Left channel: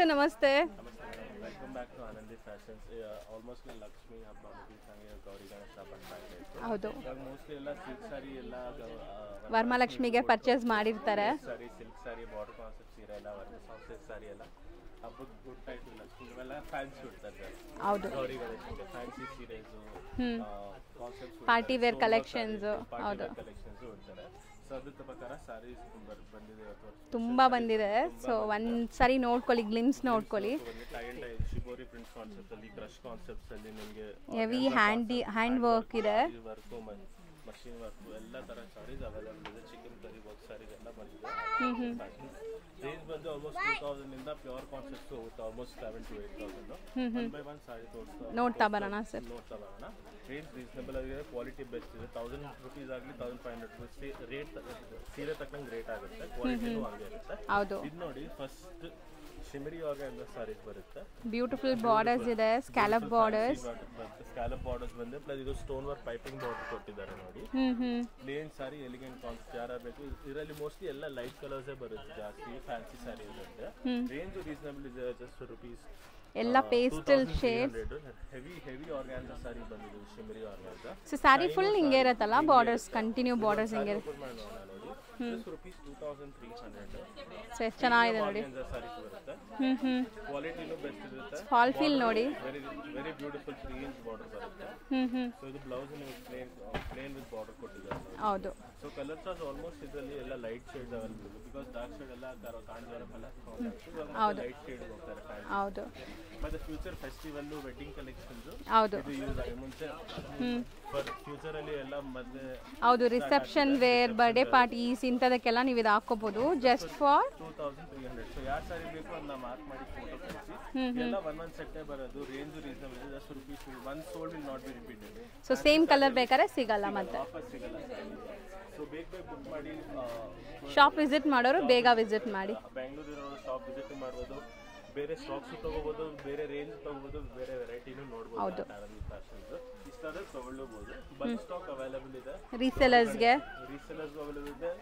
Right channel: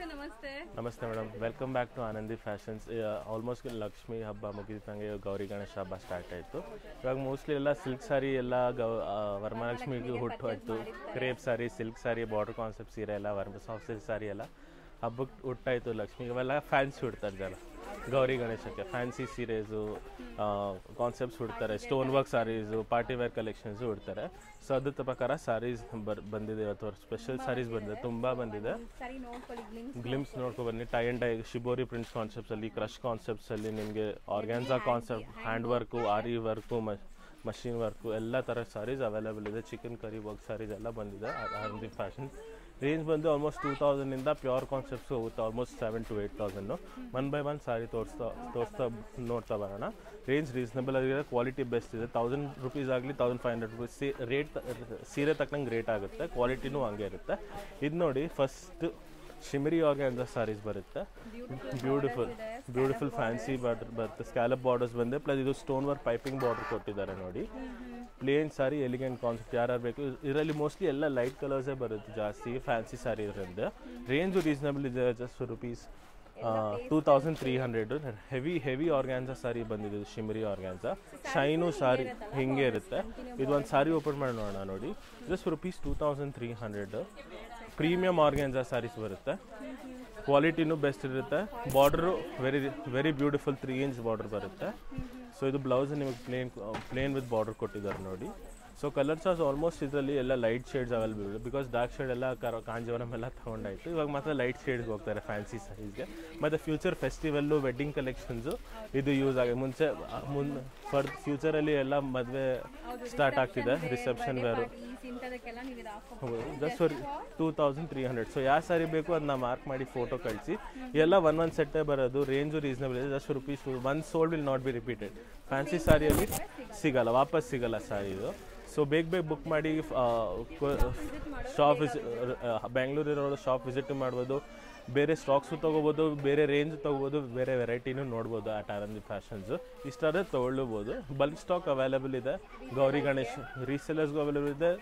Sir ನಮಸ್ತೆ. ನಮಸ್ತೆ madam, welcome back to Anandi fashions. Almost Lakshmi ಹಬ್ಬ ಮುಗಿದಂಗೆ ಗೌರಿ ಗಣೇಶ ಹಬ್ಬ ಸ್ಟಾರ್ಟ್ ಆಯಿತು. ಇವಾಗ ಮೋಸ್ಟ್ಲಿ ಎಲ್ಲ ಸಿಲ್ಕ್ ಸಾರಿ ಎಲ್ಲ ವರಮಹಾಲಕ್ಷ್ಮಿಗೆ ಪರ್ಚೇಸ್ ಮಾಡಿರ್ತಾರೆ. ಸಾರಿ, ಸಿಲ್ಕ್ ಸಾರಿ, ಬಾರ್ಡರ್ ಕಾನ್ಸೆಪ್ಟ್ ಸೀರೆ ಎಲ್ಲ ಸಾಫ್ಟ್ ಸಿಲ್ಕ್ ಸಾರಿ ಎಲ್ಲ ಹಬ್ಬಕ್ಕೆ ಹುಟ್ಟಾಯ್ತು. ಲಕ್ಷ್ಮಿ ಇವೆಲ್ಲ ಫ್ಯಾನ್ಸಿ ಉಡ್ತಾರೆ ಜನ ಗೌರಿ ಗಣೇಶಕ್ಕೆ. ಫ್ಯಾನ್ಸಿ ಸೀರೆಸು, ಕಾನ್ಸೆಪ್ಟ್ಸ್ ಉಡ್ತಾರೆ, ಸ್ಟೋನ್ ವರ್ಕ್ ಸಾರೀಸು, ಪಾರ್ಟಿ ವೇರ್ ಕಲೆಕ್ಷನ್ಸ್ ಉಡ್ತಾರೆ. ಸೊ ಅದ್ರ ಪ್ರಕಾರ ಸಾರೀಸ್ ಬಂದಿದೆ ಅಥವಾ ಸ್ಪೆಷಲ್ ತುಂಬಾ ಒಂದ್ಸರಿ ನೋಡ್ಕೊಳ್ಳಿ, ಗ್ಲಿಮ್ಸ್ ನೋಡ್ಕೊಳ್ಳಿ. ಬನ್ನಿ, tie and dye shibori prints concepts ಅಲ್ಲಿ, ಕ್ರಶ್ ಕಾನ್ಸೆಪ್ಟ್ಸ್ ಅಲ್ಲಿ ನಿಮಗೆ organza concept, hand work, aari work, machine work ಎಲ್ಲ ತರ ಸಾರೀಸ್ ಅವೈಲೇಬಲ್ ಇದೆ. ಚಿಕನ್ ಕರಿ ವರ್ಕ್ ಸಾರೀಸ್ ಎಲ್ಲ ಬಂದಿದೆ. ಫ್ಯಾಷನ್ ರೇಂಜ್ ಬಂದು ಆಲ್ಮೋಸ್ಟ್ 2000 ಇಂದ ಪ್ಯೂರ್ ಕಾನ್ಸೆಪ್ಟ್ಸ್ ಹೋಗುತ್ತೆ almost 7,000 to 8,000. One by one sari ನೋಡ್ತಾ ಬರೋಣ. ರೇಂಜ್ ರೀಸನಬಲ್ ಆಗಿದೆ, ಕ್ವಾಲಿಟಿ ಬೆಸ್ಟ್ ಇದೆ. 1000 ರೂಪೀಸ್ ಆಗಲಿ 1500 ರೂಪೀಸ್ ರೇಟ್, ಸೀರೆ ತಕ್ಕಂಗೆ ರೇಟ್ ಆಗುತ್ತೆ. ಕ್ವಾಲಿಟಿನೂ ಹಂಗೆ ಇರುತ್ತೆ. ಇದು ನೋಡಿ, ಫಸ್ಟ್ ಶಿಮರಿ ಆರ್ಗಾನ್ಜಾ ಸಾರೀಸ್ ಬರುತ್ತೆ. ಬ್ಯೂಟಿಫುಲ್ ಬಾರ್ಡರ್ಸ್ ಇದೆ, ಸ್ಕ್ಯಾಲಪ್ ಬಾರ್ಡರ್ಸ್ ಬರುತ್ತೆ. ಸ್ಕ್ಯಾಲಪ್ ಬಾರ್ಡರ್ಸ್ ಬಂದೆ, ಪ್ಲಸ್ ಇದು ಸ್ಟೋನ್ ವರ್ಕ್ ಪೈಪಿಂಗ್ ಬಾರ್ಡರ್ ಕೊಟ್ಟಿದ್ದಾರೆ ನೋಡಿ. ಪ್ಲೇನ್ ಸಾರಿ, ಎಲಿಗೆಂಟ್ ಕಾನ್ಸೆಪ್ಟ್ ಯಾರು ಬೇಕು. ಇದರಲ್ಲಿ ಮೋಸ್ಟ್ಲಿ ಎಲ್ಲ ಲೈಟ್ ಕಲರ್ಸೇ ಬರುತ್ತೆ ಜಾಸ್ತಿ. ಫ್ಯಾನ್ಸಿ ಸಾರಿ ಇರೋದ್ರಿಂದ ರೇಂಜ್ ರೀಸನಬಲ್ ಇದೆ. ಜಸ್ಟ್ ರೂಪೀಸ್ ಎಲ್ಲ 2300. ಹೆವಿ ಆರ್ಗಾನ್ಜಾ ಸಾರಿ ಬಂದಿದೆ, ಶಿಮರಿ ಆರ್ಗಾನ್ಜಾ. ಸಾರಿ ಫುಲ್ ಹಿಂಗೆ ಇರುತ್ತಲ್ಲ, borders continue borders. Sari open ಮಾಡಿ ನೋಡೋಣ ನೋಡಿ. Just rupees 2300. Premium organza saris ಬರುತ್ತೆ. ಕ್ವಾಲಿಟಿನೂ ಬೆಸ್ಟ್ ಇರುತ್ತೆ. Border very beautiful 3 inch border ಬರುತ್ತೆ. ಸೊ ಇದು ಬ್ಲೌಸ್ ನಿಮಗೆ ಪ್ಲೇನ್ ವಿತ್ ಬಾರ್ಡರ್ ಕೊಟ್ಟಿದ್ದಾರೆ ನೋಡಿ. ಸೊ ಕಲರ್ಸ್ ಆಲ್ಮೋಸ್ಟ್ ಇದರಲ್ಲಿ ಎಲ್ಲ ಲೈಟ್ ಶೇಡ್ಸ್ ಅವೈಲೇಬಲ್ ಇದೆ. ಬಿಕಾಸ್ ಡಾರ್ಕ್ ಶೇಡ್ ಎಲ್ಲ ಕಾಂಜೀವರಂ ಎಲ್ಲ ತಗೊಂಡಾಯ್ತು. ಇವಾಗ ಮತ್ತೆ ಲೈಟ್ ಶೇಡ್ಸ್ ಹೋಗ್ತಾರೆ ಫ್ಯಾನ್ಸಿ ಸೀರೆಗೆ. ಮತ್ತೆ ಫ್ಯೂಚರ್ ಫೆಸ್ಟಿವಲ್ ವೆಡ್ಡಿಂಗ್ ಕಲೆಕ್ಷನ್ಸ್ ಇದು ಯೂಸ್ ಆಗಿದೆ. ಮುಂಚೆ ಫಾರ್ ಫ್ಯೂಚರ್ ಅಲ್ಲಿ ಎಲ್ಲ ಮದುವೆ ರಿಸೆಪ್ಷನ್ ವೇರ್, ಬರ್ತ್ಡೇ ಪಾರ್ಟೀಸ್ ಇಂತದಕ್ಕೆಲ್ಲ ನೀವು ಇದು ಹಾಕೋಬಹುದು. Just for 2300. ಸೊ ಯಾವ ಸಾರಿ ಬೇಕು ಅದನ್ನ ಮಾರ್ಕ್ ಮಾಡಿ ಫೋಟೋ ಕಳಿಸಿ. ಎಲ್ಲ ಒಂದ್ ಸೆಟ್ ಬರೋದು. ರೇಂಜ್ ರೀಸನಬಲ್ ಇದೆ. Just rupees one sold will not be repeated. So same colour ಬೇಕಾದ್ರೆ ಸಿಗಲ್ಲ, ವಾಪಸ್ ಸಿಗಲ್ಲ ಸಾರಿ ಇದು. ಸೊ ಬೇಗ ಬುಕ್ ಮಾಡಿ. ಶಾಪ್ ವಿಸಿಟ್ ಮಾಡೋರು ಬೇಗ ವಿಸಿಟ್ ಮಾಡಿ. ಬೆಂಗಳೂರು ಇರೋ ಶಾಪ್ ವಿಸಿಟ್ ಮಾಡ್ಬೋದು. ಬೇರೆ ಸ್ಟಾಕ್ಸು ತಗೋಬಹುದು, ಬೇರೆ ರೇಂಜ್ ತಗೋಬಹುದು, ಬೇರೆ ವೆರೈಟಿನೂ ನೋಡ್ಬೋದು. ಆನಂದಿ ಫ್ಯಾಷನ್ಸ್ ಇಷ್ಟ ಆದರೆ ತಗೊಳ್ಬಹುದು. ಬಲ್ಕ್ ಸ್ಟಾಕ್ ಅವೈಲೇಬಲ್ ಇದೆ. ರೀಸೆಲರ್ಸ್ಗೂ ಅವೈಲೇಬಲ್ ಇದೆ,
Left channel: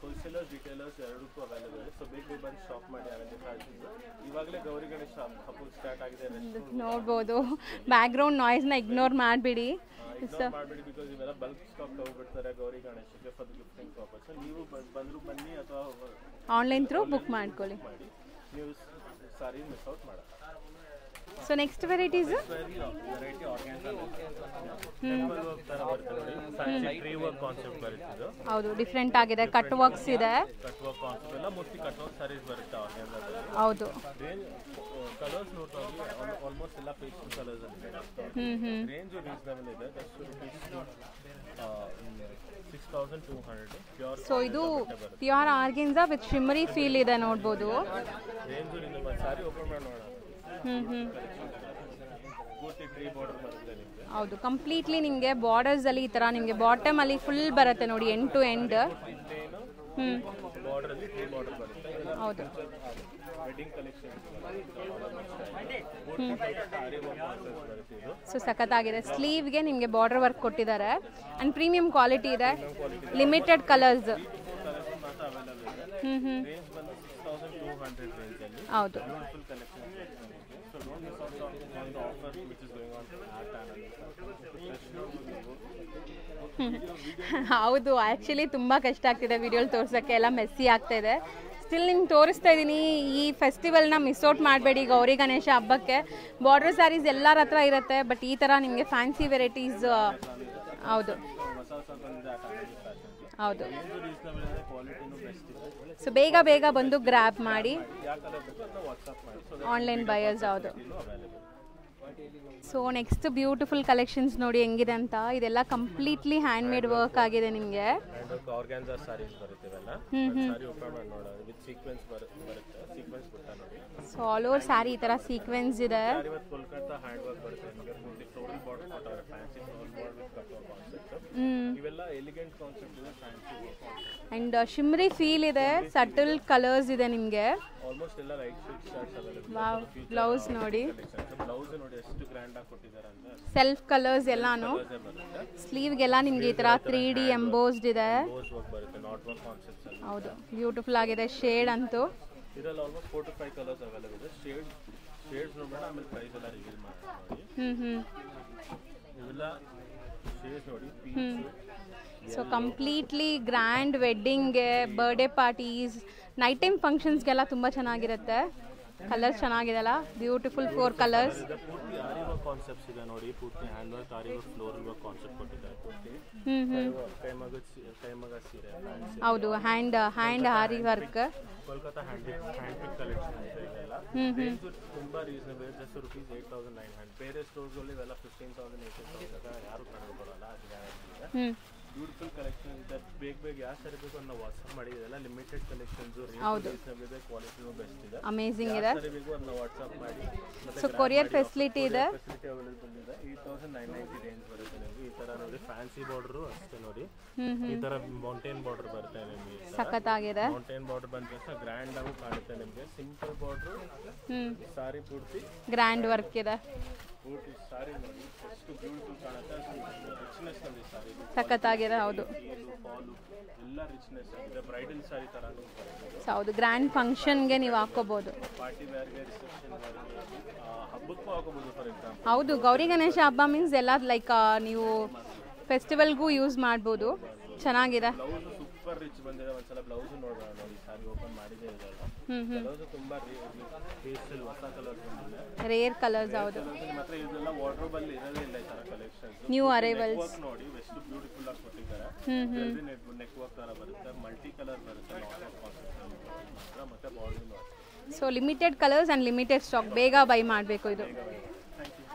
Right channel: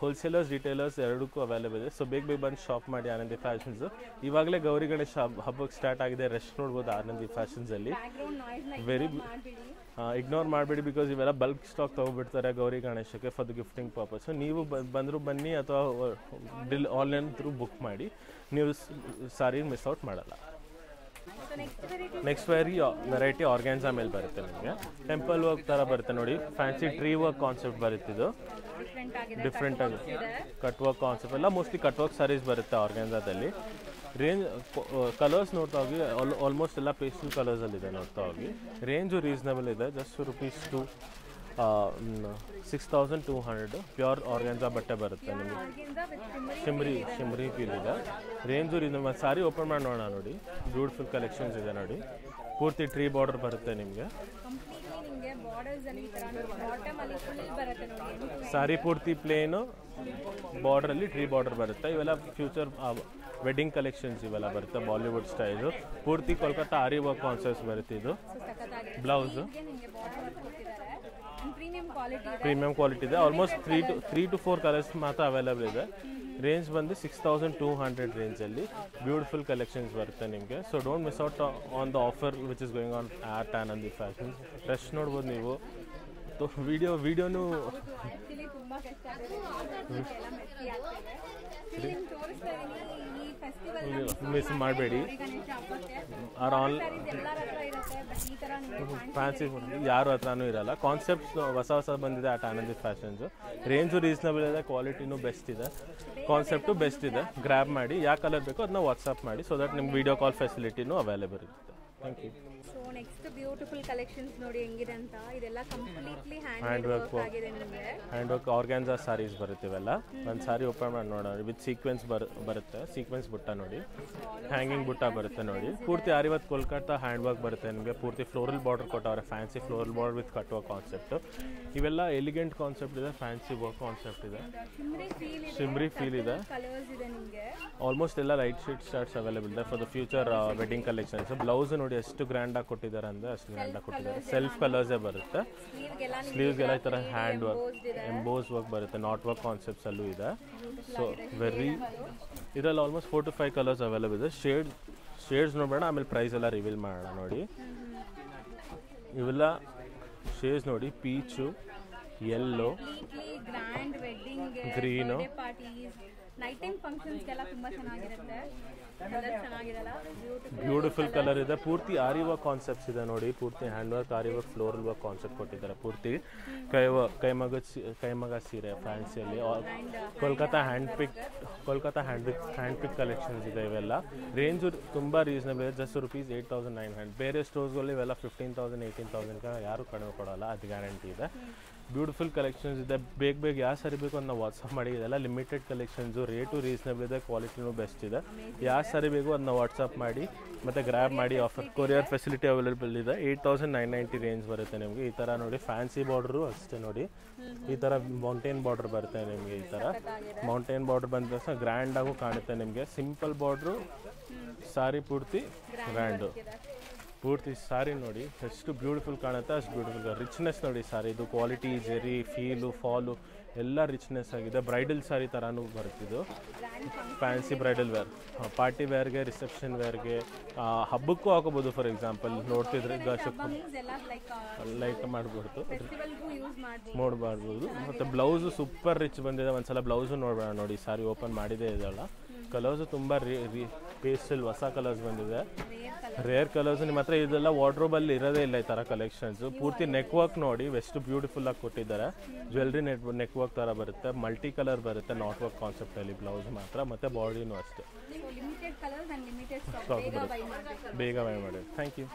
ಹೋಲ್ಸೇಲರ್ಸ್, ರಿಟೇಲರ್ಸ್ ಎರಡಕ್ಕೂ ಅವೈಲೇಬಲ್ ಇದೆ. ಸೊ ಬೇಗ ಬಂದು ಶಾಪ್ ಮಾಡಿ ಆನಂದಿ ಫ್ಯಾಷನ್ಸ್. ಇವಾಗಲೇ ಗೌರಿ ಗಣೇಶ ಹಬ್ಬಕ್ಕೆ ಸ್ಟಾರ್ಟ್ ಆಗಿದೆ. ರಶ್ ನೋಡ್ಬೋದು. ಬ್ಯಾಕ್ಗ್ರೌಂಡ್ ನಾಯ್ಸ್ ನ ಇಗ್ನೋರ್ ಮಾಡಬೇಡಿ. ಬಿಕಾಸ್ ಇವೆಲ್ಲ ಬಲ್ಕ್ ಸ್ಟಾಕ್ ತಗೋಬಿಡ್ತಾರೆ ಗೌರಿ ಗಣೇಶಕ್ಕೆ ಫಾರ್ ದ ಗಿಫ್ಟಿಂಗ್ ಪರ್ಪಸ್. ನೀವು ಬಂದ್ರು ಬನ್ನಿ, ಅಥವಾ ಆನ್ಲೈನ್ ಬುಕ್ ಮಾಡಿ. ನೀವು ಸಾರಿ ಮಿಸ್ ಔಟ್ ಮಾಡಲ್ಲ. ಸೊ ನೆಕ್ಸ್ಟ್ ವೆರೈಟಿ ಆರ್ಗಾನ್ಜಾ ಮೇಲೆ ಬರುತ್ತೆ. ನಿಮಗೆ ಟೆಂಪಲ್ ವರ್ಕ್ ತರ ಬರುತ್ತೆ ನೋಡಿ. ಫ್ಯಾನ್ಸಿ ಟ್ರೀ ವರ್ಕ್ ಕಾನ್ಸೆಪ್ಟ್ ಬರುತ್ತೆ. ಇದು ಹೌದು, ಡಿಫರೆಂಟ್ ಆಗಿದೆ. ಕಟ್ ವರ್ಕ್ಸ್ ಇದೆ. ಕಟ್ ವರ್ಕ್ ಕಾನ್ಸೆಪ್ಟ್ ಎಲ್ಲ ಮೋಸ್ಟ್ಲಿ ಕಟ್ ವರ್ಕ್ ಸಾರೀಸ್ ಬರುತ್ತೆ ಆರ್ಗಾನ್ಜಾದಲ್ಲಿ. ಹೌದು. ರೇಂಜ್ ಕಲರ್ಸ್ ನೋಡ್ತಾ ಹೋಗಿ ಆಲ್ಮೋಸ್ಟ್ ಎಲ್ಲ ಪೇಸ್ಟಲ್ ಕಲರ್ಸ್ ಅಲ್ಲಿ ಇದೆ ನೋಡ್ತಾ ಹೋಗಿ. ರೇಂಜು ರೀಸನಬಲ್ ಇದೆ. Just rupees 6200. ಪ್ಯೂರ್ ಆರ್ಗಾನ್ಜಾ ಬಟ್ಟೆ ಬರುತ್ತೆ. ಪ್ಯೂರ್ ಆರ್ಗಾನ್ಜಾ ವಿತ್ ಶಿಮ್ಮರಿ ಫೀಲ್ ಇದೆ ನೋಡಬಹುದು. Range reasonable. ಸಾರಿ ಓಪನ್ ಮಾಡಿ ನೋಡೋಣ ನೋಡಿ. ಬ್ಯೂಟಿಫುಲ್ ಕಲೆಕ್ಷನ್ಸ್ ಇದೆ ನೋಡಿ. ಪೂರ್ತಿ ಟ್ರೀ ಬಾರ್ಡರ್ ಬರುತ್ತೆ ನಿಮಗೆ. ಹೌದು, ಕಂಪ್ಲೀಟ್ಲಿ ನಿಮಗೆ ಬಾರ್ಡರ್ಸ್ ಅಲ್ಲಿ ಈ ತರ ನಿಮಗೆ ಬಾಟಮ್ ಅಲ್ಲಿ ಫುಲ್ ಬರುತ್ತೆ ನೋಡಿ. ಎಂಡ್ ಟು ಎಂಡ್ ಸಾರಿ ಪೂರ್ತಿ ಪ್ಲೇನ್, ಬಾರ್ಡರ್ ಅಲ್ಲಿ ಟ್ರೀ ಬಾರ್ಡರ್ ಬರುತ್ತೆ. ಇವೆಲ್ಲ ಫ್ಯೂಚರ್ ವೆಡ್ಡಿಂಗ್ ಕಲೆಕ್ಷನ್ಸ್ ಇವೆಲ್ಲ ಬರುತ್ತೆ. ಬಾಲಿವುಡ್ ಸ್ಟೈಲ್ ಪೂರ್ತಿ ಕೋಲ್ಕತ್ತಾ ಆರಿ ವರ್ಕ್ ಕಾನ್ಸೆಪ್ಟ್ಸ್ ಬರುತ್ತೆ. ಇದು ಸೊ ಸಖತ್ತಾಗಿದೆ. ಸ್ಲೀವ್ ಗೆ ನಿಮಗೆ ಬಾರ್ಡರ್ ವರ್ಕ್ ಕೊಟ್ಟಿದ್ದಾರೆ. ಅಂಡ್ ಪ್ರೀಮಿಯಂ ಕ್ವಾಲಿಟಿ ಇದೆ. ಲಿಮಿಟೆಡ್ ಕಲರ್ಸ್, 3 to 4 ಕಲರ್ಸ್ ಮಾತ್ರ ಅವೈಲೇಬಲ್ ಇದೆ. ರೇಂಜ್ ಬಂದು 6200 ರೇಂಜ್ ಅಲ್ಲಿ ಬ್ಯೂಟಿಫುಲ್ ಕಲೆಕ್ಷನ್ಸ್ ಬರುತ್ತೆ ನಿಮಗೆ. So don't miss out on the offer which is going on at Anandi fashion. Fresh ನೋಡ್ಬೋದು ನೀವು. ವಿಡಿಯೋ ಹೌದು, ಆಕ್ಚುಲಿ ತುಂಬಾ ಕಷ್ಟ ಆಗ್ತಿದೆ ವಿಡಿಯೋ ತೋರ್ಸಕ್ಕೆ, ಎಲ್ಲ ಮೆಸ್ಸಿ ಆಗ್ತಾ ಇದೆ. ಸ್ಟಿಲ್ ನಿಮ್ಗೆ ತೋರಿಸ್ತಾ ಇದ್ದೀನಿ. ಈ ಫೆಸ್ಟಿವಲ್ ನ ಮಿಸ್ ಔಟ್ ಮಾಡಬೇಡಿ. ಗೌರಿ ಗಣೇಶ ಹಬ್ಬಕ್ಕೆ ಬಾರ್ಡರ್ ಸ್ಯಾರೀಸ್ ಎಲ್ಲರ ಹತ್ರ ಇರುತ್ತೆ. ಬಟ್ ಈ ತರ ನಿಮಗೆ ಫ್ಯಾನ್ಸಿ ವೆರೈಟೀಸ್ ಯಾರ ಹತ್ರನೂ ಇರಲ್ಲ. ಕಾನ್ಸೆಪ್ಟ್ಸ್ ಹೊಸ ಬಂದಿದೆ ಆಟ್ ಆನಂದಿ ಫ್ಯಾಷನ್ಸ್. ರೇಂಜ್ ರೀಸನಬಲ್ ಇದೆ, ಕ್ವಾಲಿಟಿನೂ ಬೆಸ್ಟ್ ಇದೆ. ಸೊ ಬೇಗ ಬಂದು ಗ್ರಾಬ್ ಮಾಡಿ. ಯಾವ ಕಲರ್ ಬೇಕೋ ಅದನ್ನ ವಾಟ್ಸ್ಆಪ್ ಮಾಡಿ. ಸೊ ದಟ್ ವಿಡಿಯೋ ಕಾಲ್ ಫೆಸಿಲಿಟಿನೂ ಅವೈಲೇಬಲ್ ಇದೆ. ಸೊ ನೆಕ್ಸ್ಟ್ ಬ್ಯೂಟಿಫುಲ್ ಕಲೆಕ್ಷನ್ಸ್ ನೋಡಿ ಹೆಂಗಿದೆ ಅಂತ. ಇದೆಲ್ಲ ಕಂಪ್ಲೀಟ್ಲಿ ಹ್ಯಾಂಡ್ ಮೇಡ್ ವರ್ಕ್ ಆಗಿದೆ. ನಿಮಗೆ ಹ್ಯಾಂಡ್ ವರ್ಕ್ ಆರ್ಗಾನ್ಜಾ ಸಾರೀಸ್ ಬರುತ್ತೆ. ಇವೆಲ್ಲ ಒಂದು ಸಾರಿ ಓಪನ್ ಮಾಡಿ ನೋಡೋಣ. ವಿತ್ ಸೀಕ್ವೆನ್ಸ್ ಬರುತ್ತೆ. ಸೀಕ್ವೆನ್ಸ್ ಬುಟ್ಟ ನೋಡಿ. ಸೊ ಆಲ್ ಓವರ್ ಸಾರಿ ತರ ಸೀಕ್ವೆನ್ಸ್ ಇದೆ. ಪೂರ್ತಿ ಆರಿವತ್ ಕೋಲ್ಕತ್ತಾ ಹ್ಯಾಂಡ್ ವರ್ಕ್ ಬರುತ್ತೆ ನಿಮಗೆ. ಪೂರ್ತಿ ಫ್ಲೋರಲ್ ಬಾರ್ಡರ್ ಕೊಟ್ಟವ್ರೆ. Fancy floral border with cut work concept. ಇವೆಲ್ಲ ಎಲಿಗೆಂಟ್ ಕಾನ್ಸೆಪ್ಟ್ ಇದೆ, ಫ್ಯಾನ್ಸಿ ವರ್ಕ್ ಕಾನ್ಸೆಪ್ಟ್ ಇದೆ. ಅಂಡ್ ಶಿಮ್ರಿ ಫೀಲ್ ಇದೆ, ಸಟಲ್ ಕಲರ್ಸ್ ಇದೆ ನಿಮಗೆ. ಆಲ್ಮೋಸ್ಟ್ ಎಲ್ಲ ಲೈಟ್ ಶೇಡ್ ಶರ್ಟ್ಸ್ ಅವೈಲೇಬಲ್ ಇದೆ for the future wedding collections. Blouse ನೋಡಿ ನೋಡಿ ಎಷ್ಟು ಗ್ರ್ಯಾಂಡ್ ಆಗಿ ಕೊಟ್ಟಿದ್ದಾರೆ ಅಂದ್ರೆ ಸೆಲ್ಫ್ ಕಲರ್ಸ್ ಎಲ್ಲ ಕಲರ್ಸ್ ಬರುತ್ತೆ. ಸ್ಲೀವ್ ಗೆಲ್ಲ ನಿಮಗೆ ಈ ತರ 3D ಎಂಬೋಸ್ಡ್ ಇದೆ, ಎಂಬೋಸ್ ವರ್ಕ್ ಬರುತ್ತೆ, ನಾಟ್ ವರ್ಕ್ ಕಾನ್ಸೆಪ್ಟ್ಸ್ ಅಲ್ಲೂ ಇದೆ. ಬ್ಯೂಟಿಫುಲ್ ಆಗಿದೆ ಶೇಡ್ ಅಂತೂ. ಇದರಲ್ಲಿ ಆಲ್ಮೋಸ್ಟ್ 4 to 5 ಕಲರ್ಸ್ ಅವೈಲೇಬಲ್ ಇದೆ. ಶೇಡ್ಸ್ ನೋಡೋಣ, ಆಮೇಲೆ ಪ್ರೈಸ್ ಎಲ್ಲ ರಿವೀಲ್ ಮಾಡೋಣ. ನೋಡಿ ಇವೆಲ್ಲ ಶೇಡ್ಸ್ ನೋಡಿ, ಪೀಚು, ಯೆಲ್ಲೋ, ಕಂಪ್ಲೀಟ್ಲಿ ಗ್ರ್ಯಾಂಡ್ ವೆಡ್ಡಿಂಗ್ಗೆ, ಬರ್ಡೇ ಪಾರ್ಟೀಸ್, ನೈಟ್ ಟೈಮ್ ಫಂಕ್ಷನ್ಸ್ಗೆಲ್ಲ ತುಂಬಾ ಚೆನ್ನಾಗಿರುತ್ತೆ. ಕಲರ್ ಚೆನ್ನಾಗಿದೆಲ್ಲ, ಬ್ಯೂಟಿಫುಲ್ 4 ಕಲರ್ಸ್ ಇದೆ. ಪೂರ್ತಿ ಆರಿ ವರ್ಕ್ ಕಾನ್ಸೆಪ್ಟ್ಸ್ ಇದೆ ನೋಡಿ, ಪೂರ್ತಿ hand work, aari work, floral work concept ಕೊಟ್ಟಿದ್ದಾರೆ. ಪೂರ್ತಿ ಕೈಮಗ ಸೀರೆ, ಫ್ಯಾನ್ಸಿ, ಹೌದು, ಹ್ಯಾಂಡ್ ಆರಿ ವರ್ಕ್, ಕೋಲ್ಕತ್ತಾ ಹ್ಯಾಂಡ್ ಪಿಕ್ ಕಲೆಕ್ಷನ್ಸ್ ಇದೆ. ಇವೆಲ್ಲ ರೇಂಜ್ ತುಂಬಾ ರೀಸನಬಲ್ ಇದೆ, ಜಸ್ಟ್ ₹8,900. ಬೇರೆ ಸ್ಟೋರ್ಸ್ಗಳಲ್ಲಿ ಇವೆಲ್ಲ 15,000 18,000 ಯಾರು ಕಡಿಮೆ ಕೊಡಲ್ಲ, ಅದು ಗ್ಯಾರಂಟಿ ಇದೆ. ಬ್ಯೂಟಿಫುಲ್ ಕಲೆಕ್ಷನ್ಸ್ ಇದೆ. ಬೇಗ ಯಾವ ಸಾರಿ ಬೇಕು ಅಂತ ನಾವು ವಾಟ್ಸಪ್ ಮಾಡಿ. ಇದೆಲ್ಲ ಲಿಮಿಟೆಡ್ ಕಲೆಕ್ಷನ್ಸ್, ರೇಟು ರೀಸನಬಲ್ ಇದೆ, ಕ್ವಾಲಿಟಿನೂ ಬೆಸ್ಟ್ ಇದೆ. ಯಾವ ಸಾರಿ ಬೇಕು ಅದನ್ನ ವಾಟ್ಸಪ್ ಮಾಡಿ, ಮತ್ತೆ ಗ್ರಾಬ್ ಮಾಡಿ. ಕೊರಿಯರ್ ಫೆಸಿಲಿಟಿ ಅವೈಲೇಬಲ್ ಇದೆ. 8,990 ರೇಂಜ್ ಬರುತ್ತೆ ನಿಮಗೆ. ಈ ತರ ನೋಡಿ ಫ್ಯಾನ್ಸಿ ಬಾರ್ಡರ್ ಅಷ್ಟೇ ನೋಡಿ, ಈ ತರ ಮೌಂಟೇನ್ ಬಾರ್ಡರ್ ಬರುತ್ತೆ ನಿಮಗೆ. ಈ ತರ ಮೌಂಟೇನ್ ಬಾರ್ಡರ್ ಬಂದ ಗ್ರ್ಯಾಂಡ್ ಆಗು ಕಾಣುತ್ತೆ ನಿಮಗೆ. ಸಿಂಪಲ್ ಬಾರ್ಡರ್, ಸಾರಿ ಪೂರ್ತಿ ಗ್ರ್ಯಾಂಡ್ ವರ್ಕ್ ಇದೆ. ಪೂರ್ತಿ ಸಾರಿ ನೋಡಿ ಎಷ್ಟು ಬ್ಯೂಟಿಫುಲ್ ಕಾಣುತ್ತೆ, ಅಷ್ಟು ಬ್ಯೂಟಿಫುಲ್. ರಿಚ್ನೆಸ್ ನೋಡಿ ಸಾರಿ, ಇದು ಕ್ವಾಲಿಟಿ, ಫೀಲು, ಫಾಲು ಎಲ್ಲ ರಿಚ್ನೆಸ್ ಆಗಿದೆ. ಬ್ರೈಡಲ್ ಸಾರಿ ತರಾನು ಬರ್ತಿದ್ದು. ಹೌದು, ಗ್ರ್ಯಾಂಡ್ ಫಂಕ್ಷನ್ ಗೆ ನೀವು ಹಾಕೋಬಹುದು, ಪಾರ್ಟಿ ವೇರ್ ಗೆ, ರಿಸೆಪ್ಷನ್ ವೇರ್ ಗೆ, ಹಬ್ಬಕ್ಕೂ ಹಾಕೋಬಹುದು. ಫಾರ್ ಎಕ್ಸಾಂಪಲ್ ಹೌದು, ಗೌರಿ ಗಣೇಶ ಹಬ್ಬ ಮೀನ್ಸ್ ಎಲ್ಲ ಲೈಕ್ ನೀವು ಫೆಸ್ಟಿವಲ್ ಗೂ ಯೂಸ್ ಮಾಡಬಹುದು. ಚೆನ್ನಾಗಿದೆ. ಬ್ಲೌಸ್ ಸೂಪರ್ ರಿಚ್ ಬಂದಿದೆ. ಒಂದ್ಸಲ ಬ್ಲೌಸ್ ನೋಡೋಣ. ನೋಡಿ ಸಾರಿ ಓಪನ್ ಮಾಡಿದೆ ಇದೆಲ್ಲ. ಕಲರ್ಸ್ ತುಂಬಾ ಪೇಸ್ಟಲ್ ಹೊಸ ಕಲರ್ಸ್ ಬಂದಿದೆ, ರೇರ್ ಕಲರ್ಸ್. ನಿಮ್ಮ ಹತ್ರ ಇದೆಲ್ಲ ವಾರ್ಡ್ರೋಬ್ ಅಲ್ಲಿ ಇರೋದೇ ಇಲ್ಲ ಈ ತರ ಕಲೆಕ್ಷನ್ಸ್. ನೆಕ್ ವರ್ಕ್ ನೋಡಿ ಎಷ್ಟು ಬ್ಯೂಟಿಫುಲ್ ಆಗಿ ಕೊಟ್ಟಿದ್ದಾರೆ. ಜ್ಯುವೆಲ್ರಿ ನೆಕ್ ವರ್ಕ್ ತರ ಬರುತ್ತೆ, ಮಲ್ಟಿ ಕಲರ್ ಬರುತ್ತೆ, ನಾಟ್ ವರ್ಕ್ ಕಾನ್ಸೆಪ್ಟ್ ಅಲ್ಲಿ ಬ್ಲೌಸ್ ಮಾತ್ರ, ಮತ್ತೆ ಬಾಡಿನೂ ಅಷ್ಟೇ. So limited colours and limited stock. ಬೇಗ ಬೈ ಮಾಡಬೇಕು, ಬೇಗ ಬೈ ಮಾಡಿ. Thank you.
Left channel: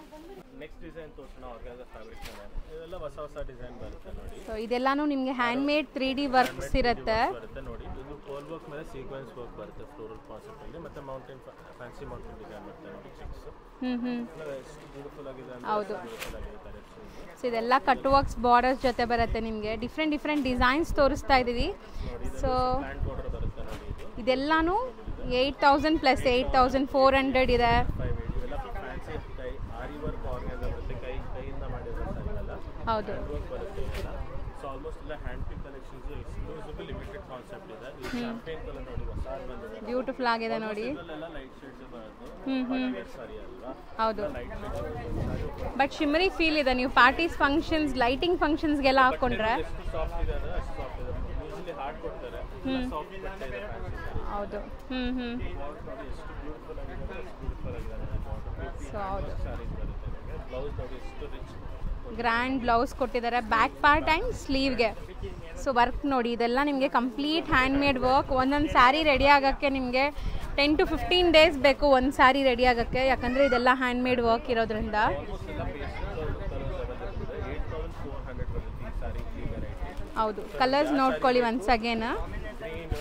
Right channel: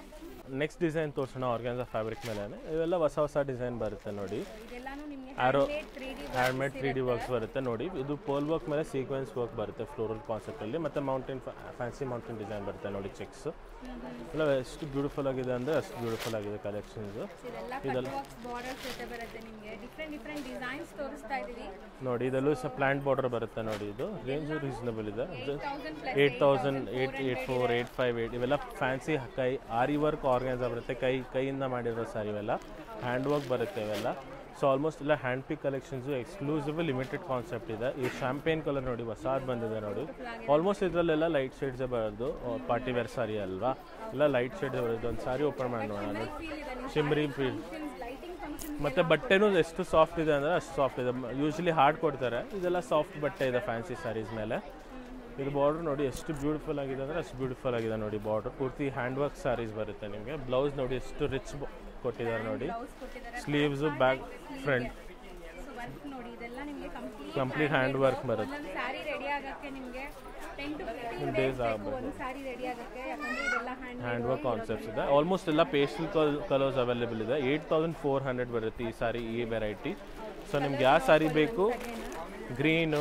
ನೆಕ್ಸ್ಟ್ ಡಿಸೈನ್ ತೋರಿಸೋಣ. ಆರ್ಗಾನ್ಸಾ ಫ್ಯಾಬ್ರಿಕ್ ಮೇಲೆ ಇವೆಲ್ಲ ಹೊಸ ಡಿಸೈನ್ ಬರುತ್ತೆ ನೋಡಿ. ಇದೆಲ್ಲಾನು ನಿಮಗೆ ಹ್ಯಾಂಡ್ ಮೇಡ್ 3D ವರ್ಕ್ಸ್ ಇರುತ್ತೆ ನೋಡಿ. ಇದು ಪೋಲ್ ವರ್ಕ್ ಮೇಲೆ ಸೀಕ್ವೆನ್ಸ್ ವರ್ಕ್ ಬರುತ್ತೆ, ಫ್ಲೋರಲ್ ಕಾನ್ಸೆಪ್ಟ್ ಅಲ್ಲಿ. ಮತ್ತೆ ಮೌಂಟೇನ್ ಫ್ಯಾನ್ಸಿ ಮೌಂಟೇನ್ ಡಿಸೈನ್ ಬರುತ್ತೆ ನೋಡಿ. ಚೆಕ್ಸ್ ಎಲ್ಲ ಎಷ್ಟು ಬ್ಯೂಟಿಫುಲ್ ಆಗಿದೆ ಅಂದ್ರೆ ಅಷ್ಟು ಬ್ಯೂಟಿಫುಲ್ ಆಗಿದೆ ಕಲೆಕ್ಷನ್ಸ್. ಇದೆಲ್ಲ ಕಟ್ ವರ್ಕ್ಸ್ ಬಾರ್ಡರ್ಸ್ ಜೊತೆ ಬರುತ್ತೆ ನಿಮಗೆ. ಡಿಫ್ರೆಂಟ್ ಡಿಸೈನ್ಸ್ ತೋರಿಸ್ತಾ ಇದೀವಿ ನೋಡಿ. ಇದೆಲ್ಲ ಪ್ಲಾಂಟ್ ಬಾರ್ಡರ್ ಬರುತ್ತೆ ನೋಡಿ. ಇದೆಲ್ಲಾನು 8,000 ಪ್ಲಸ್ 8,400 ಇದೆ. 5,800 ಇವೆಲ್ಲ ಫ್ಯಾನ್ಸಿ ಕೈ ಆರಿ ವರ್ಕ್ ಆರ್ಗಾನ್ಸಾ ಬರುತ್ತೆ, ಕೈಯಿಂದ ಮಾಡಿರೋ ಸಾರಿ ಇವೆಲ್ಲ. ಹ್ಯಾಂಡ್ ವರ್ಕ್ ಬರುತ್ತೆ ಇವೆಲ್ಲ. ಸೊ ಆಲ್ಮೋಸ್ಟ್ ಎಲ್ಲ ಹ್ಯಾಂಡ್ ಪಿಕ್ ಕಲೆಕ್ಷನ್ಸ್, ಎಕ್ಸ್ಕ್ಲೂಸಿವ್ ಲಿಮಿಟೆಡ್ ಕಾನ್ಸೆಪ್ಟ್ ಇದೆ. ಈ ಶಾಂಪೇನ್ ಕಲರ್ ನೋಡಿ ಹೊಸಾದ್ ಬಂದಿದೆ ನೋಡಿ. ಆಲ್ಮೋಸ್ಟ್ ಇದರಲ್ಲೆಲ್ಲ ಲೈಟ್ ಶೇಡ್ಸ್ ಬರೋದು, ಪಾರ್ಟಿ ವೇರ್ ಸಾರಿ ಅಲ್ವಾ, ಎಲ್ಲ ಲೈಟ್ ಶೇಡ್ ಒಂದು ಸಾರಿ ಓಪನ್ ಮಾಡಿ. ಬಟ್ ಶಿಮ್ಮರಿ ಫೀಲ್ ಇದೆ. ನೀವು ಪಾರ್ಟೀಸ್ ಫಂಕ್ಷನ್ಸ್, ಲೈಟಿಂಗ್ ಫಂಕ್ಷನ್ಸ್ ಗೆಲ್ಲ ಹಾಕೊಂಡ್ರೆ ಎಷ್ಟು ಸಾಫ್ಟ್ ಇದೆ ಅಂದ್ರೆ ಅಷ್ಟು ಸಾಫ್ಟ್ ಇದೆ. ಯೂಶಲಿ ಹಾರ್ಡ್ ಕೊಡ್ತಾರೆ, ಇದೆಲ್ಲ ಸಾಫ್ಟ್ ಬಟ್ಟೆ ಇದೆ ಫ್ಯಾನ್ಸಿ ಸಾರೀಸ್ ಮೇಲೆ. ಇದು ಬಾರ್ಡರ್ ನೋಡಿ ಎಷ್ಟು ಬ್ಯೂಟಿಫುಲ್ ಆಗಿದೆ ಅಂದ್ರೆ ಅಷ್ಟು ಬ್ಯೂಟಿಫುಲ್ ಆಗಿದೆ ನೋಡಿ. ಬಾರ್ಡರ್ ಪೂರ್ತಿ ಹ್ಯಾಂಡ್ ವರ್ಕ್ ಸಾರೀಸ್ ಬರುತ್ತೆ ನಿಮಗೆ. ಬ್ಲೌಸ್ ನೋಡಿ ಎಷ್ಟು ರಿಚ್ ಗ್ರ್ಯಾಂಡ್ ಬ್ಲೌಸ್ ಕೊಟ್ಟಿದ್ದಾರೆ. ಬ್ಯಾಕ್ ಪಾರ್ಟ್ ಅಂಡ್ ಸ್ಲೀವ್ಗೆ ಸೊ ವರ್ಕ್ ನೋಡಿ. ಇದೆಲ್ಲ ನಿಮಗೆ ಕಂಪ್ಲೀಟ್ ಹ್ಯಾಂಡ್ ಮೇಡ್ ವರ್ಕ್. ಒಂದೊಂದು ಸ್ಯಾರಿ ರೆಡಿ ಆಗೋಕ್ಕೆ ನಿಮಗೆ 10 to 15 ಡೇಸ್ ಬೇಕು ಒಂದು ಸ್ಯಾರಿ ರೆಡಿ ಆಗೋಕ್ಕೆ, ಯಾಕಂದ್ರೆ ಇದೆಲ್ಲ ಹ್ಯಾಂಡ್ ಮೇಡ್ ವರ್ಕ್ ಇರೋದ್ರಿಂದ. ಆಲ್ಮೋಸ್ಟ್ ಎಲ್ಲ ಪೇಸ್ಟಲ್ ಕಲರ್ಸ್ ಅವೈಲೇಬಲ್ ಇದೆ. 8,400 ಬರುತ್ತೆ ಈ ಸಾರಿ, ಈ ವೆರೈಟಿ. ಹೌದು, ಕಲರ್ಸ್ ನೋಡ್ಕೊಳ್ಳಿ once again. Green,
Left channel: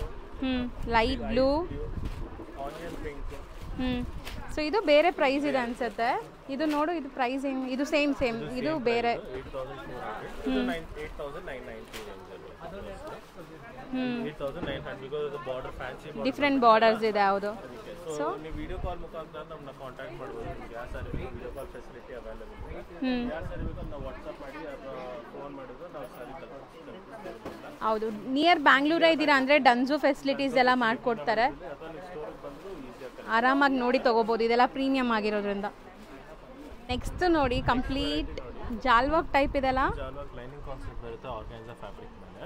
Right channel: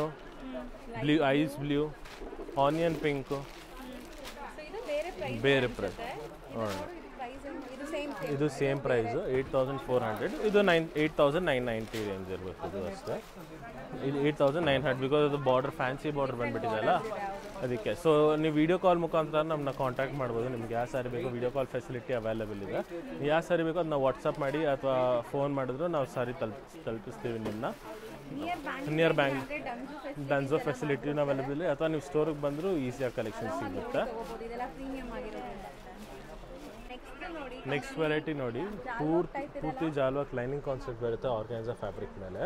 light blue, onion pink. So ಇದು ಬೇರೆ ಪ್ರೈಸ್ ಇದೆ ಅನ್ಸುತ್ತೆ. ಇದು ನೋಡು, ಇದು ಪ್ರೈಸ್ ಇದು ಸೇಮ್ ಇದು ಬೇರೆ 8,400. ಇದು 8,990 ರೇಂಜ್ ಇರುತ್ತೆ ಅಷ್ಟೇ. 8,900 ಬಿಕಾಸ್ ಇದು border fancy border different borders ಇದೆ. ಹೌದು, ಅದಕ್ಕೆ. ಸೊ ನೀವು ವಿಡಿಯೋ ಕಾಲ್ ಮುಖಾಂತರ ನಮ್ಮನ್ನ ಕಾಂಟ್ಯಾಕ್ಟ್ ಮಾಡ್ಬೋದು. ನಿಮ್ಗೆ ಯಾವ ಸಾರಿ ಬೇಕು ವಿಡಿಯೋ ಕಾಲ್ ಫೆಸಿಲಿಟಿ ಅವೈಲೇಬಲ್ ಇದೆ. ಯಾವ ಸಾರಿ ಬೇಕು ಅದನ್ನ ವಾಟ್ಸಪ್ ಮಾಡಿ ಅಥವಾ ಫೋನ್ ಮಾಡಿದ್ರು ನಾವು ಸಾರಿ ತಲುಪಿಸ್ತೀವಿ ನಿಮ್ಮನ್ನ. ಹೌದು, ನಿಯರ್ ಬ್ಯಾಂಗ್ಳೂರ್ ಇದ್ದೀರಾ ಅಂದ್ರೆ ಡನ್ಸು ಫೆಸಿಲಿಟೀಸ್ ಎಲ್ಲ ಮಾಡ್ಕೊಡ್ತಾರೆ. ಅಥವಾ ನೀವು ಸ್ಟೋರಿಗೆ ಬಂದ್ರು ಈಸಿಯಾಗಿ ಆರಾಮಾಗಿ ನೋಡಿ ತಗೋಬಹುದು. ಇದೆಲ್ಲ ಪ್ರೀಮಿಯಂ ಆಗಿರೋದ್ರಿಂದ. ನೆಕ್ಸ್ಟ್ ನೋಡಿ, ಕಂಪ್ಲೀಟ್ ಜಾಲ್ ವರ್ಕ್ ಟೈಪ್ ಇದೆಲ್ಲ. ಜಾಲ್ ವರ್ಕ್ ಲೈನಿಂಗ್ ಕಾನ್ಸೆಪ್ಟ್ ಬರುತ್ತೆ ಆರ್ಗಾನ್ಸಾ ಫ್ಯಾಬ್ರಿಕ್ ಮೇಲೆ.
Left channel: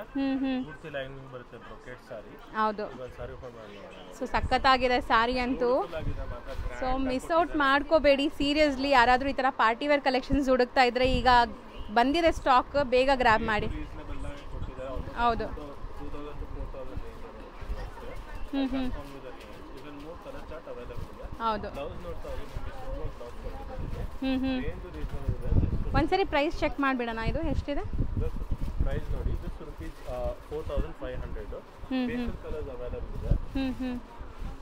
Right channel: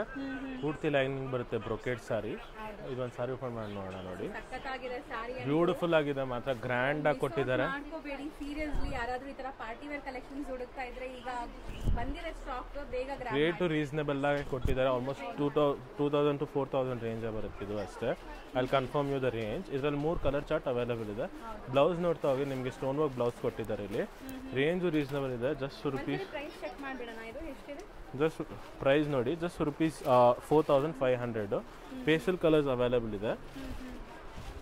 ಪೂರ್ತಿ ಲೈನಿಂಗ್ ಬರುತ್ತೆ, ಬ್ರೊಕೆಟ್ ಸಾರಿ. ಹೌದು, ಇದೊಂದು ಸಾರಿ ಓಪನ್ ಮಾಡಿ ನೋಡೋಣ. ಸೊ ಸಖತ್ತಾಗಿದೆ ಸಾರಿ ಅಂತೂ. ಬ್ಯೂಟಿಫುಲ್ ಆಗಿದೆ ಮಾತ್ರ, ಗ್ರ್ಯಾಂಡ್ ಆಗಿ ಕೊಟ್ಟಿದ್ದಾರೆ. ಮಿಸ್ ಔಟ್ ಮಾಡ್ಕೋಬೇಡಿ ಸೀರಿಯಸ್ಲಿ. ಯಾರಾದ್ರೂ ಈ ತರ ಪಾರ್ಟಿ ವೇರ್ ಕಲೆಕ್ಷನ್ಸ್ ಹುಡುಕ್ತಾ ಇದ್ರೆ ಈಗ ಬಂದಿದೆ ಸ್ಟಾಕ್, ಬೇಗ ಗ್ರಾಬ್ ಮಾಡಿ. ರೀಸನೇಬಲ್ ಆಗಿ ಕೊಟ್ಟಿದ್ದಾರೆ. ಆಲ್ಮೋಸ್ಟ್ 2,000 to 4,000 ರೇಂಜ್ ಬರುತ್ತೆ ಇದು ಅಷ್ಟೇ. I'll confirm you the range. ಇದರಲ್ಲಿ 3 ಕಲರ್ ಚಾರ್ಟ್ ಅವೈಲೇಬಲ್ ಇದೆ. ಬ್ಲೌಸ್ ನೋಡ್ತಾ ಹೋಗಿ, ನಿಮಗೆ ಸ್ಟೋನ್ ವರ್ಕ್ ಬ್ಲೌಸ್ ಕೊಟ್ಟಿದ್ದಾರೆ ಇಲ್ಲಿ. ರೇಂಜ್ ರೀಸನಬಲ್ ಇದೆ. ಜಸ್ಟ್ ಒಂದ್ಸರಿ ಪ್ರೈಸ್ ಚೆಕ್ ಮಾಡ್ಬಿಡೋಣ. ಇದು ಎಷ್ಟಿದೆ ಜಸ್ಟ್ ಪ್ರೈಸ್ ನೋಡಿ. ಜಸ್ಟ್ ₹4,500. ಪೇಸ್ಟಲ್ ಕಲರ್ಸ್ ಅವೈಲೇಬಲ್ ಇದೆ.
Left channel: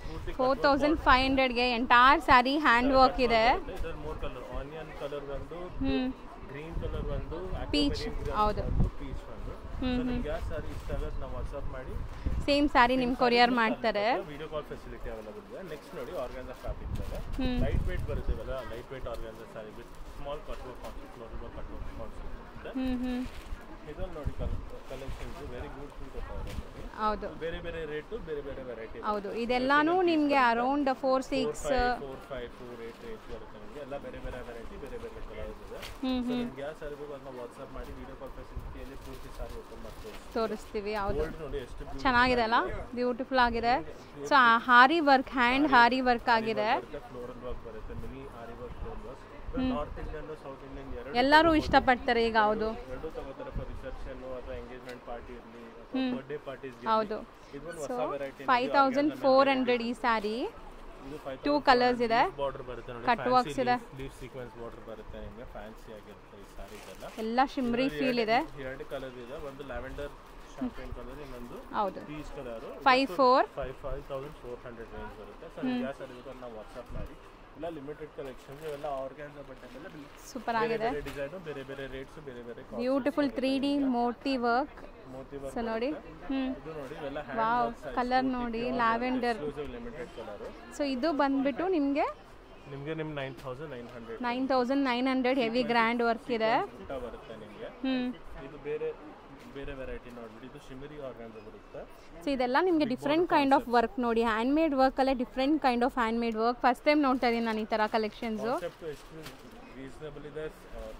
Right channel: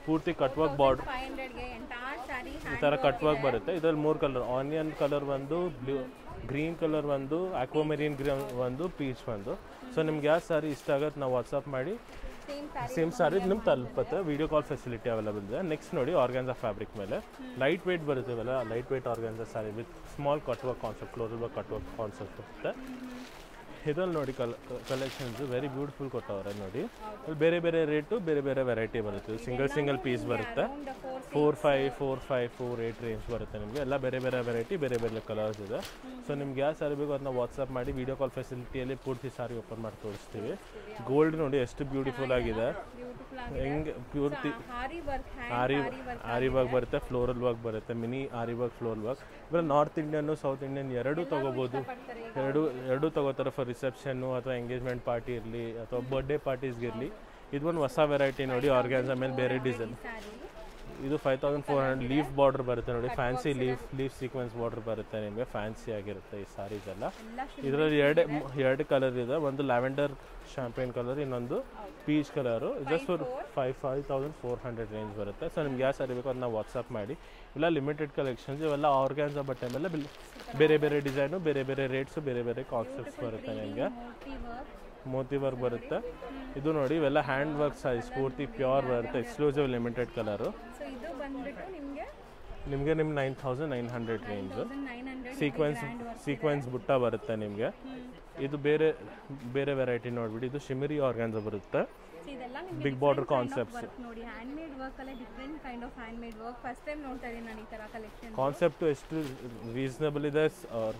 ಪೂರ್ತಿ 4,500 ಗೆ ಎಂಟೈರ್ ಸಾರಿ ಹ್ಯಾಂಡ್ ವರ್ಕ್ ಇದೆ. ಇದರಲ್ಲಿ 3 ಕಲರ್, ಆನಿಯನ್ ಕಲರ್ ಬಂದು ಗ್ರೀನ್ ಕಲರ್ ಒಂದು, ಆಕ್ವಾಮರೀನ್ ಗ್ರೀನ್ ಒಂದು, ಪೀಚ್ ಒಂದು. ಸೊ ನಿಮ್ಗೆ ಯಾವ ಸಾರಿ ಇಷ್ಟ ಆಗುತ್ತೆ ನಾವು ವಾಟ್ಸ್ಆಪ್ ಮಾಡಿ ಸೇಮ್ ಸಾರಿ ನಿಮ್ಗೆ ಕೊರಿಯರ್ ಮಾಡ್ತಾರೆ. ವಿಡಿಯೋ ಕಾಲ್ ಫೆಸಿಲಿಟಿ ಅವೈಲೇಬಲ್ ಇದೆ. ನೆಕ್ಸ್ಟ್ ನೋಡಿ ಆರ್ಗಾನ್ಸಾ ಫ್ಯಾಬ್ರಿಕ್ ಮೇಲೆ ಲೈಟ್ ವೇಟ್ ಬರುತ್ತೆ ಇವೆಲ್ಲ. Light weight organza sari with small cut work concept, floral work cut work concept ಇರುತ್ತೆ. ಇದ್ರಲ್ಲಿ ನೋಡಿ ಕಲೆಕ್ಷನ್ಸ್ ವೆರಿ ಬ್ಯೂಟಿಫುಲ್ ಕೊಟ್ಟವ್ರೆ ನೋಡಿ. ಬೇರೆ ಬೇರೆ ರೇಟು, ಬೇರೆ ಬೇರೆ ವೆರೈಟಿ ಬರುತ್ತೆ. ಇದೆಲ್ಲಾನು ನಿಮಗೆ ಅರೌಂಡ್ 4-5-4 ರೇಟ್ ರೇಂಜ್ ಬರುತ್ತೆ ನಿಮಗೆ. ಎಲ್ಲ ಬೇರೆ ಬೇರೆ ವೆರೈಟಿ, ಬೇರೆ ಬೇರೆ ಕಲರ್ಸ್ ಇದೆ. ಸೊ ನಿಮ್ಗೆ ಯಾವ ಸಾರಿ ಬೇಕು ಅದನ್ನ ವಾಟ್ಸ್ಆಪ್ ಮಾಡಿ ವಿಡಿಯೋ ಕಾಲ್ ಫೆಸಿಲಿಟಿಯಲ್ಲಿ ಪೂರ್ತಿ ಸಾರಿ ಓಪನ್ ಮಾಡಿ ತೋರಿಸ್ತೀವಿ. ಗೋಲ್ಡ್ ನೋಡಿ ಎಷ್ಟು ಬ್ಯೂಟಿಫುಲ್ ಆಗಿದೆ. ಸೊ ಹಾರಿ ವರ್ಕ್, ಹ್ಯಾಂಡ್ ಹಾರಿ ವರ್ಕ್ ಆಗಿದೆ, ಬರುತ್ತೆ ಫ್ಲೋರಲ್ ವರ್ಕ್ ಬರುತ್ತೆ, mini aari work, floral work. North Indian, south Indian ಎಲ್ಲರೂ ಇಷ್ಟಪಡ್ತಾರೆ. ಈಗ ಎರಡು ತಗೋತಾರೆ ಫಾರ್ ರಿಸೆಪ್ಷನ್ ಅಥವಾ ಎಂಗೇಜ್ಮೆಂಟ್ ಪಾರ್ಟಿ ಇರಲಿ ಅಥವಾ ಬರ್ತ್ಡೇ ಪಾರ್ಟೀಸ್ ಇರಲಿ. ಇದು ಒಂದು ಹೊಸ ವೆರೈಟಿ ನೋಡಿ. 5400 ಈ ಸಾರಿ. ಇದು 5400 ಲೀಫ್ ಬಾರ್ಡರ್ ಬರುತ್ತೆ ನೋಡಿ. ಫ್ಯಾನ್ಸಿ ಲೀಫ್ ಸೀಕ್ವೆನ್ಸ್ ಬಾರ್ಡರ್ ಬರುತ್ತೆ ನಿಮಗೆ. ಫ್ಯಾನ್ಸಿ ಆಗಿರುತ್ತೆ ಈ ಸಾರೀಸ್ ಎಲ್ಲ. ಎರಡು ಕಲರ್ ಇದೆ. ಒಂದು ಲ್ಯಾವೆಂಡರ್ ಶಾಂಪೇನ್ ಕಲರ್, ಇನ್ನೊಂದು ಪೀಚ್ ಕಲರ್. 5400 ರೇಂಜ್ ಬರುತ್ತೆ. ಸೊ ನಿಮ್ಗೆ ಯಾವ ಸಾರಿ ಬೇಕು ಅದನ್ನ ವಾಟ್ಸ್ಆಪ್ ಮಾಡಿ. ಇಲ್ಲ ಲಿಮಿಟೆಡ್ ಕಲೆಕ್ಷನ್ಸ್ ಇವೆಲ್ಲ ಆರ್ಗಾನ್ಸಾ ಬಟ್ಟೆ ಮೇಲೆ ಬೇರೆ ಬೇರೆ ಡಿಸೈನು, ಬೇರೆ ಬೇರೆ ರೇಟ್ಸ್, ಬೇರೆ ಬೇರೆ ಬ್ಯೂಟಿಫುಲ್ 3D ಮೋತಿ ವರ್ಕ್ ಬರುತ್ತೆ. ಇದು ನೋಡಿ ಇವೆಲ್ಲ ಹ್ಯಾಂಡ್ ವರ್ಕ್ ಸೈಜ್ ಪೂರ್ತಿ ಪ್ಯೂರ್ ಬರುತ್ತೆ. Exclusive limited colour. ಸೊ ಇದು ಬಂದ್ಬಿಟ್ಟು ನಿಮಗೆ 9900 ಹೆವಿ ಗ್ರ್ಯಾಂಡ್ ವರ್ಕ್ ಇದೆ. ಬುಟ್ಟ ಬರುತ್ತೆ ನಿಮಗೆ. ಇದು ಬೇರೆ ಬೇರೆ ವೆರೈಟಿ ನೋಡ್ಬಿಡಿ. ಇದು ಶಿಮರಿ ಆರ್ಗಾನ್ಸಾ ಬರುತ್ತೆ. ಸೊ ಇದೆಲ್ಲ ನಿಮಗೆ ಡಿಫ್ರೆಂಟ್ ಕೈಂಡ್ ಆಫ್ ವರ್ಕ್ ನೋಡಿ. ಹ್ಯಾಂಡ್ ಮೇಡ್ ವರ್ಕ್ ಅಲ್ಲೇ different kind of hand made work first time ನೋಡ್ತಾ ಇದೀನಿ ನಾನು ಈ ತರ ಕಲೆಕ್ಷನ್ಸ್. ಕಾನ್ಸೆಪ್ಟ್ ಎಷ್ಟು ರೀಸನಬಲ್ ಇದೆ,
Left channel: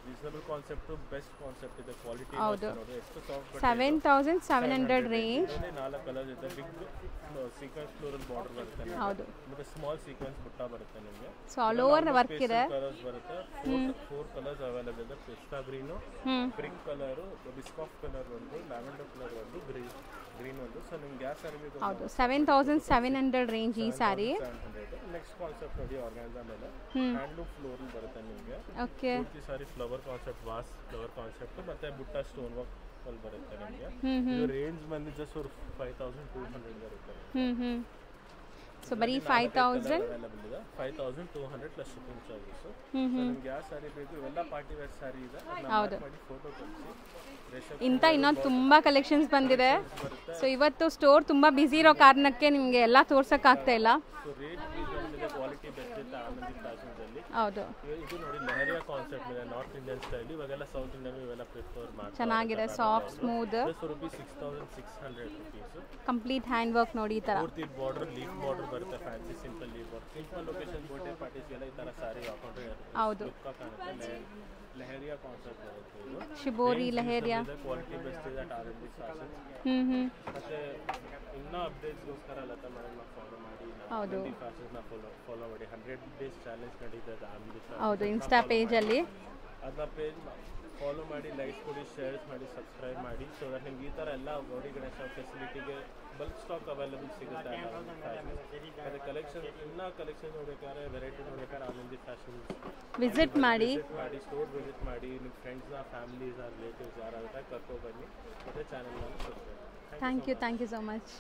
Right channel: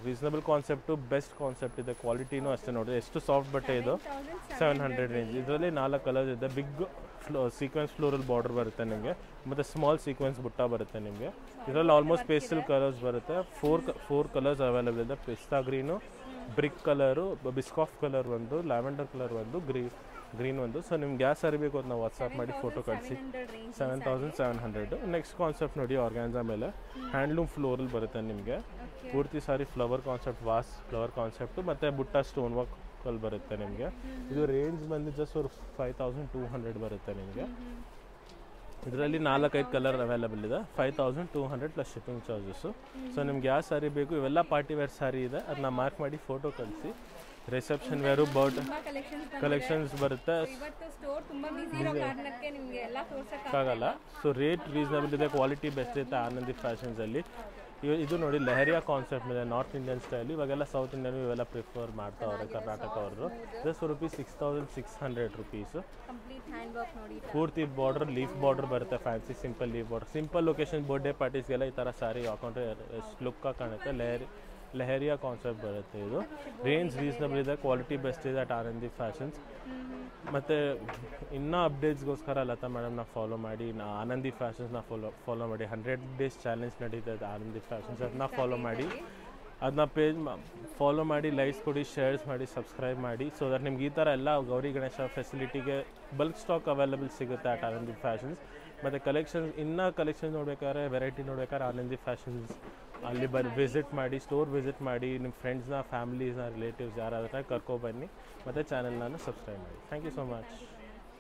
ರೀಸನಬಲ್ ಕಾನ್ಸೆಪ್ಟ್, ಬೆಸ್ಟ್ ಕಾನ್ಸೆಪ್ಟ್ ಇದೆ. ಕ್ವಾಲಿಟಿ ಅಷ್ಟೇ ನೋಡಿ. ಎಷ್ಟು ಸಾಫ್ಟ್ ಬಟ್ಟೆ ಇದೆ. 7700 ರೇಂಜ್. ಇದರಲ್ಲಿ 4 ಕಲರ್ಸ್ ಇದೆ. ಬಿಗ್ ಸೀಕ್ವೆನ್ಸ್ ಫ್ಲೋರಲ್ ಬಾರ್ಡರ್ ಬರುತ್ತೆ ನಿಮಗೆ, ಮತ್ತೆ ಸ್ಮಾಲ್ ಸೀಕ್ವೆನ್ಸ್ ಬುಟ್ಟ ಬರುತ್ತೆ ನಿಮಗೆ. ಇದರಲ್ಲಿ ಆಲ್ಮೋಸ್ಟ್ ಪೇಸ್ಟಲ್ ಕಲರ್ಸ್ ಬರುತ್ತೆ. 4 ಕಲರ್ಸ್ ಅವೈಲೇಬಲ್ ಇದೆ. Pista green, brick colour, Biscoff colour ಒಂದು, ಲ್ಯಾವೆಂಡರ್ ಕಲರ್ ಒಂದು, ಗ್ರೀನ್ ಒಂದು. ಸೊ ನಿಮ್ಗೆ ಯಾವ ಸಾರಿ ಬೇಕು ನಾವು 7700 ರೇಂಜ್ ಈ ಸಾರಿ. 700. ನೆಕ್ಸ್ಟ್ ಕಾನ್ಸೆಪ್ಟ್ ನೋಡಿ ಆರ್ಗಾನ್ಸಾ ಮೇಲೆ ಹ್ಯಾಂಡ್ಲೂಮ್ ಫ್ಲೋರಲ್ ಬರುತ್ತೆ ನಿಮಗೆ. ಪೂರ್ತಿ sari flower concept, vase flower concept ಮತ್ತೆ ಬುಟ್ಟ ಸ್ಟೋನ್ ವರ್ಕ್ ಅಲ್ಲಿ ಬರುತ್ತೆ ನಿಮಗೆ. ಇದು ರೇಂಜ್ ಬಂದು ಜಸ್ಟ್ 5200 ಬರುತ್ತೆ ನಿಮಗೆ. ಇದರಲ್ಲಿ 4-5 ಕಲರ್ ಅವೈಲೇಬಲ್ ಇದೆ. 5200 ಪ್ಲಸ್ ಶಿಪ್ಪಿಂಗ್ ಚಾರ್ಜಸ್. ಸೊ ನಿಮ್ಗೆ ಯಾವ ಸಾರಿ ಬೇಕು ಇವೆಲ್ಲ ಪಾರ್ಟಿ ವೇರ್ ಸಾರಿ ಇದೆ. ಅದನ್ನ ಮಾರ್ಕ್ ಮಾಡಿ ಫೋಟೋ ಕಳಿಸಿ. ತುಂಬಾ ಕಲೆಕ್ಷನ್ಸ್ ಬಂದಿದೆ. ಸೊ ಇವತ್ತು ಸ್ಟೋರ್ ತುಂಬಾ ಬಿಸಿ ಇರೋ ಕಾರಣಕ್ಕೆ ನಿಮಗೆ ಎಲ್ಲ ತೋರ್ಸಕ್ ಆಗ್ತಾ ಇಲ್ಲ. ಸೊ ರೇಟ್ ರೀಸನಬಲ್ ಇದೆ, ಕ್ವಾಲಿಟಿ ಬೆಸ್ಟ್ ಇದೆ ಆನಂದಿ ಫ್ಯಾಷನ್ಸ್ ಅಲ್ಲಿ. ಇದು ನೋಡಿ ಲೆಹರಿಯಾ ಕಾನ್ಸೆಪ್ಟ್ ಇದೆ, ನಾರ್ತ್ ಇಂಡಿಯನ್ ಸ್ಟೈಲ್. ಇವಾಗೆಲ್ಲ ಸೌತ್ ಇಂಡಿಯನ್ ಇವೆಲ್ಲ ಪ್ರಿಫರ್ ಮಾಡ್ತಾರೆ. ಚೆನ್ನಾಗಿದೆ, soft smooth. ₹6600. Complete hand work ನೋಡಿ. ಈ ತರ ಪೂರ್ತಿ ಬಾರ್ಡರ್, ಲೀಫ್ ಬಾರ್ಡರ್ ಬರುತ್ತೆ. Fancy simple leaf border. Simple location birthday ಪಾರ್ಟೀಸ್ಗೆಲ್ಲ ಈ ತರ ಸಾರಿ ಹಾಕೊಂಡ್ರೆ ಲುಕ್ ಕಾಣುತ್ತೆ. ಲೆಹರಿಯಾ ಕಾನ್ಸೆಪ್ಟ್ ಬರುತ್ತೆ. ಇದು ರೇಂಜ್ ಕ್ವಾಲಿಟಿ ಬೆಸ್ಟ್ ಇದೆ ಅಟ್ ಆನಂದಿ ಫ್ಯಾಷನ್ಸ್. ಮತ್ತೆ ಇನ್ನೂ ಅಪ್ಡೇಟ್ಸ್ಗೋಸ್ಕರ ಲತಾ ಮೇಡಮ್ನ ಫಾಲೋ ಮಾಡಿ. ಆನಂದಿ ಫ್ಯಾಷನ್ಸ್ನ ಫಾಲೋ ಮಾಡಿ. 100 days ಚಾಲೆಂಜ್ ನಡೀತದೆ ಆನಂದಿ ಫ್ಯಾಷನ್ಸ್. ಅದನ್ನ ಪೇಜ್ ಫಾಲೋ ಮಾಡಿ, ಲೈಕ್ಸ್ ಕೊಡಿ, ಶೇರ್ಸ್ ಮಾಡಿ, ಸಬ್ಸ್ಕ್ರೈಬ್ ಮಾಡಿ. ಸೊ ದಟ್ ನಿಮ್ಗೆ ಈ ಥರ ಎಲ್ಲ ಗೌರಿ ಗಣೇಶ ಫೆಸಿಲಿಟಿಗೆ ಬಲ್ಕ್ ಸ್ಟಾಕ್ ಅವೈಲೇಬಲ್ ಸಿಗುತ್ತೆ ಅಟ್ ಆನಂದಿ ಫ್ಯಾಷನ್ಸ್. ಮತ್ತು ಇನ್ನೂ ಕಲೆಕ್ಷನ್ ನೋಡ್ಬೇಕಾದ್ರೆ, ವೆರೈಟಿ ನೋಡ್ಬೇಕಾದ್ರೆ ಆನಂದಿ ಫ್ಯಾಷನ್ಸ್ ವಿಸಿಟ್ ಮಾಡಿ, ಸ್ಟೋರ್ ವಿಸಿಟ್ ಮಾಡಿ. ನಿಮ್ಮ ಫ್ರೆಂಡ್ಸ್ನ, ಫ್ಯಾಮಿಲೀಸ್ನ, ರಿಲೇಟಿವ್ಸ್ ಯಾರಾದ್ರೆ ಕರ್ಕೊಬನ್ನಿ. ಮತ್ತು ಚಾನೆಲ್ನ ಸಬ್ಸ್ಕ್ರೈಬ್ ಮಾಡಿ. Thank you so much.